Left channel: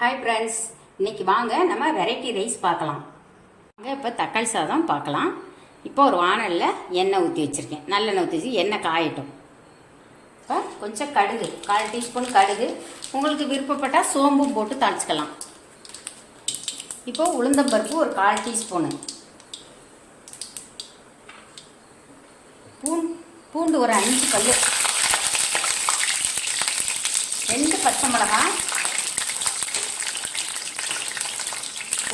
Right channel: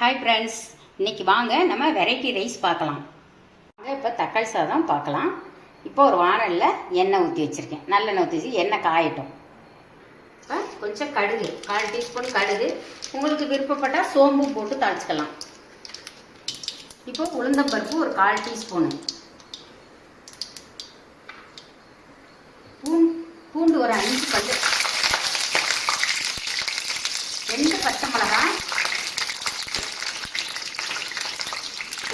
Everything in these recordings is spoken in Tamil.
ஹாய் ஃப்ரெண்ட்ஸ், இன்னைக்கு வாங்க நம்ம வெரைட்டி ரைஸ் பார்க்கலாம். இப்போ தக்காளி சாதம் பார்க்கலாம். இப்போ ஒரு வானலில் எண்ணெய் ஊற்றி வச்சுருக்கேன். நல்லெண்ணெய் ஊற்றி வச்சு எண்ணெய் காயட்டும். இப்போ கொஞ்சம் கடுகு, 1/4 டீஸ்பூன் கடுகு, உங்களுக்கு விருப்பப்பட்டால் சோம்பு போட்டு தாளிச்சுக்கலாம். இப்போ உளுந்தம்பருப்பு ஒரு 1/4 டீஸ்பூனு, பூண்டு ஒரு 5 பல்லு, 2 பச்சை மிளகாய்,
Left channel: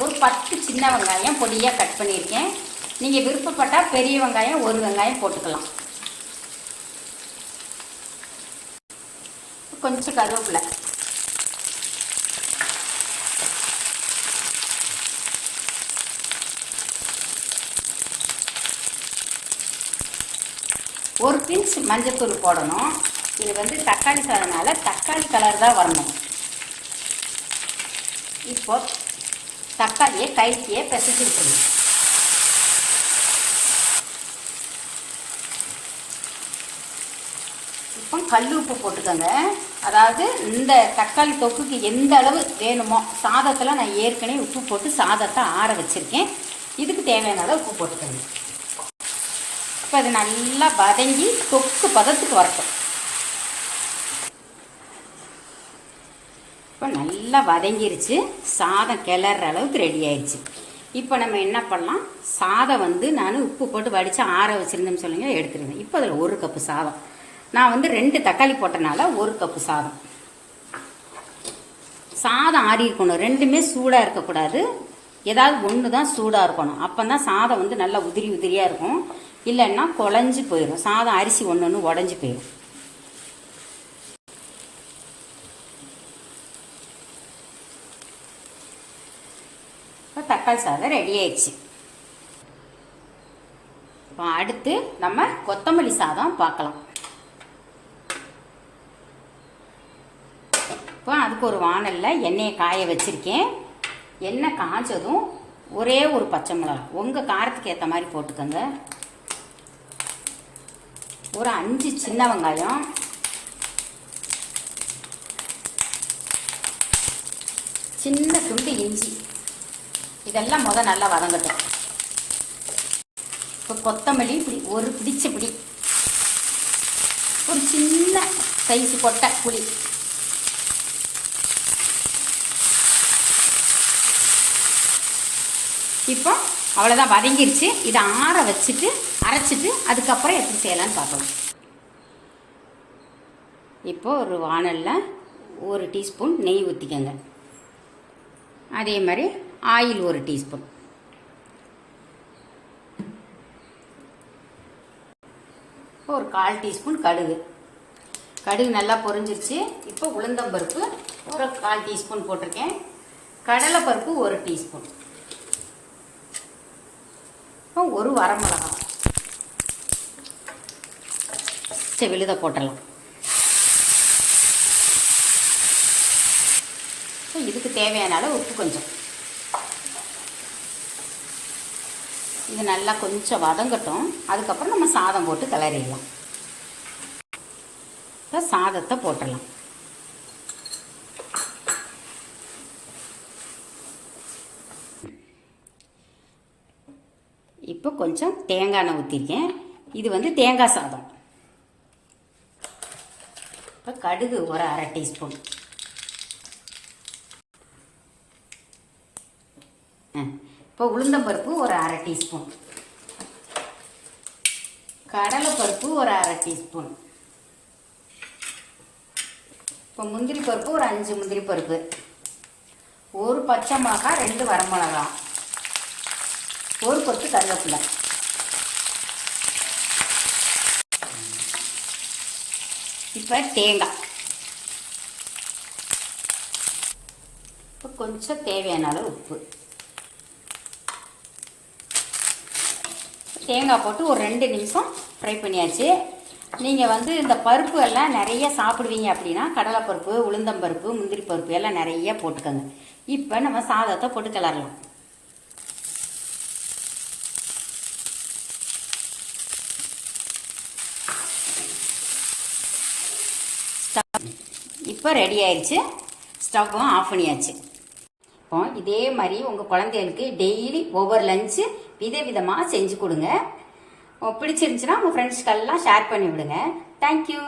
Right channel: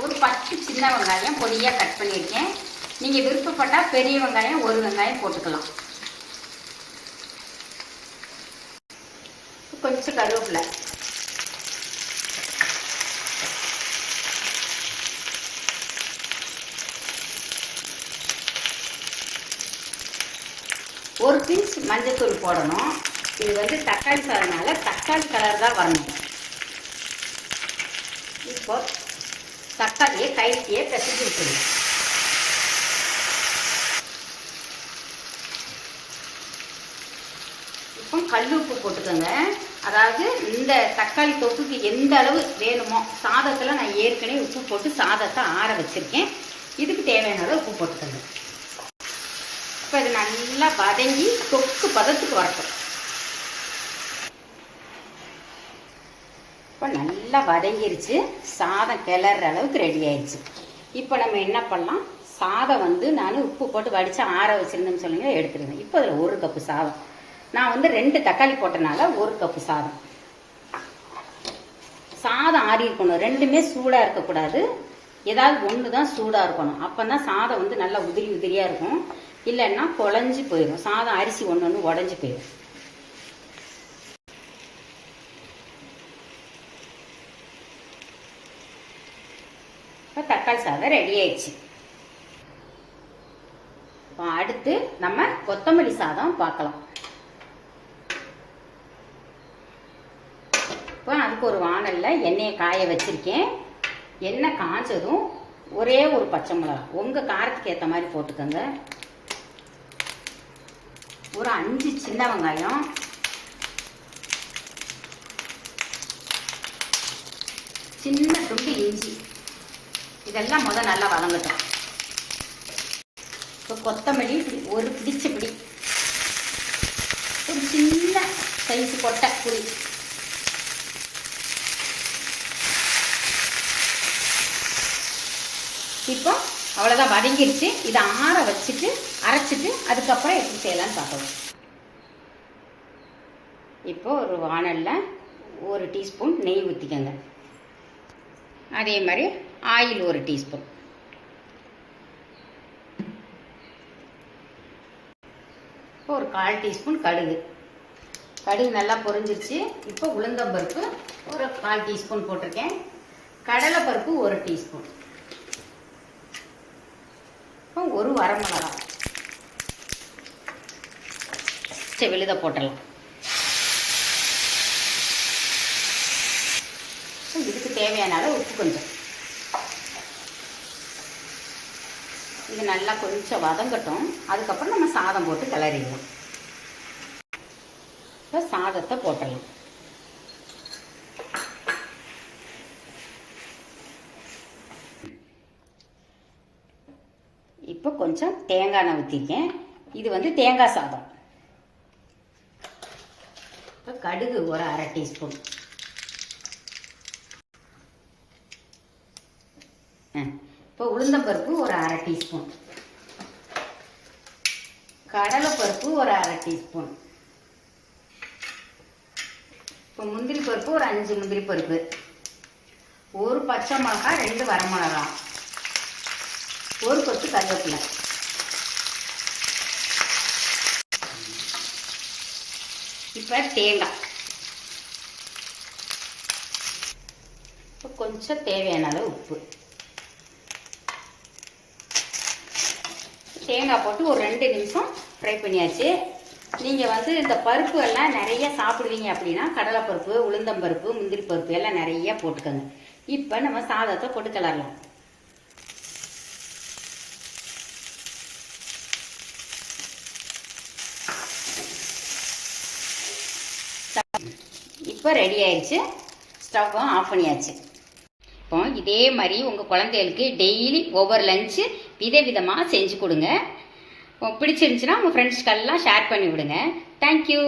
ஒரு 10 சின்ன வெங்காயம் பொடியாக கட் பண்ணியிருக்கேன். நீங்கள் விருப்பப்பட்டால் பெரிய வெங்காயம் 1 வெங்காயம் போட்டுக்கலாம். கொஞ்சம் கருவேப்பிலை, ஒரு பிஞ்ச் மஞ்சத்தூள் போடணும். இது வந்து தக்காளி சாதனால தக்காளி கலர் தான் வரணும். இப்போ தக்காளியை கைத்தியே பிசைச்சு விட்டுருங்க. இப்போ கல் உப்பு போட்டுக்கோங்க. அதாவது இந்த தக்காளி தொக்குக்கு எந்த அளவு வேணுமோ, சாதத்தில் நான் ஏற்கனவே உப்பு போட்டு சாதத்தை ஆற வச்சுருக்கேன். இதுக்கு தேவையான அளவு உப்பு போட்டுக்கோங்க. இப்போ அது நல்லா வதங்கி தொக்கு பதத்துக்கு வரட்டும். இப்போ நல்லா வதங்கிருச்சு, சாதம் கிளற அளவுக்கு ரெடி ஆயிடுச்சு. இப்போ நம்ம என்ன பண்ணலாம், சாதம் வந்து நான் உப்பு போட்டு வடித்து ஆற வச்சுருந்தேன்னு சொல்லுங்க, எடுத்துருங்க. இப்போ அதில் 1 கப்பு சாதம், நான் வந்து 2 தக்காளி போட்டனால 1 கப்பு சாதம். சாதம் ஆறி இருக்கணும், ரெண்டுமே சூடாக இருக்கக்கூடாது. ஏதாவது ஒன்று தான் சூடாக இருக்கணும். அப்போ தான் சாதம் வந்து நல்லா உதிரி உதிரியாக இருக்கும். இல்லைன்னா குழஞ்சி போயிடும். சாதம் அரிசி ஒன்று உடஞ்சி போயிடும். தக்காளி சாதம் ரெடி ஆயிடுச்சு. அடுத்து நம்ம கொத்தமல்லி சாதம் பார்க்கலாம். இப்போ அதுக்கு ஒரு வானல்ல எண்ணெயை காய வச்சிருக்கேன். எண்ணெய் காய்ச்சதும் ஒரே ஒரு பச்சை மிளகாய், உங்க காரத்துக்கு ஏற்ற மாதிரி போட்டுக்கோங்க. ஒரு 5 சின்ன வெங்காயம், சின்ன துண்டு இஞ்சி, இதெல்லாம் நல்லா வதங்கட்டும். இப்போ கொத்தமல்லி ஒரு பிடிச்ச பிடி, ஒரு சின்ன சைஸ் கொட்டை புளி, இப்போ அவ்வளோதான் வதங்கிருச்சு. இதை ஆற வச்சுட்டு அரைச்சிட்டு அதுக்கப்புறம் எப்படி செய்யலான்னு பார்க்கலாம். இப்போ ஒரு வானலில் 1 டீஸ்பூன் நெய் ஊற்றிக்கங்க. அதே மாதிரி ஆயில் 1 டீஸ்பூன், ஒரு 1/4 டீஸ்பூன் கடுகு. கடுகு நல்லா பொரிஞ்சிருச்சு. இப்போ உளுந்தம்பருப்பு ஒரு 1/4 டீஸ்பூன் போட்டிருக்கேன். கடலைப்பருப்பு 1 டீஸ்பூன், ஒரு வரமிளகாய் விழுத போட்டலாம். இதுக்கு தேவையான அளவு உப்பு கொஞ்சம். இது நல்லா கொஞ்சம் வதங்கட்டும். அதுக்கப்புறம் நம்ம சாதம் போட்டு கிளறிடலாம். சாதத்தை போட்டலாம். இப்போ கொஞ்சம் தேங்காய் எண்ணெய் ஊற்றிருக்கேன். இது வந்து தேங்காய் சாதம். இப்போ கடுகு ஒரு 1/2 டீஸ்பூன், இப்போ உளுந்தம்பருப்பு ஒரு 1/2 டீஸ்பூன், கடலைப்பருப்பு ஒரு 1/2 டீஸ்பூன், இப்போ முந்திரி பருப்பு ஒரு 5 முந்திரி பருப்பு, ஒரு பச்சை மிளகாய், 2 வரமிளகாய், ஒரு கொத்து கருவேப்பிலை. இப்போ தேங்காய், கொஞ்சம் தேவையான அளவு உப்பு, தேங்காய் போட்டு ஒரு 2 நிமிஷம் ஃப்ரை பண்ணியாச்சு. நீங்கள் வந்து இந்த பருப்பு எல்லாம் நிறைய சாப்பிடுவீங்க அப்படின்னா கடலைப்பருப்பு, உளுந்தம்பருப்பு, முந்திரி பருப்பு எல்லாம் நிறைய போட்டுக்கோங்க. இப்போ நம்ம சாதத்தை போட்டு கிளறலாம். இப்போ ரெடி ஆயிடுச்சு. ஸ்டவ்வும் ஆஃப் பண்ணியாச்சு. இப்போ இதே மாதிரி உங்கள் குழந்தைகளுக்கு டெய்லி ஒவ்வொரு லஞ்சு விதவிதமாக செஞ்சு கொடுங்க. பிடிச்சிருந்துச்சுன்னா உங்கள் ஃப்ரெண்ட்ஸ்க்கெல்லாம் ஷேர் பண்ணி விடுங்க. தேங்க்யூ.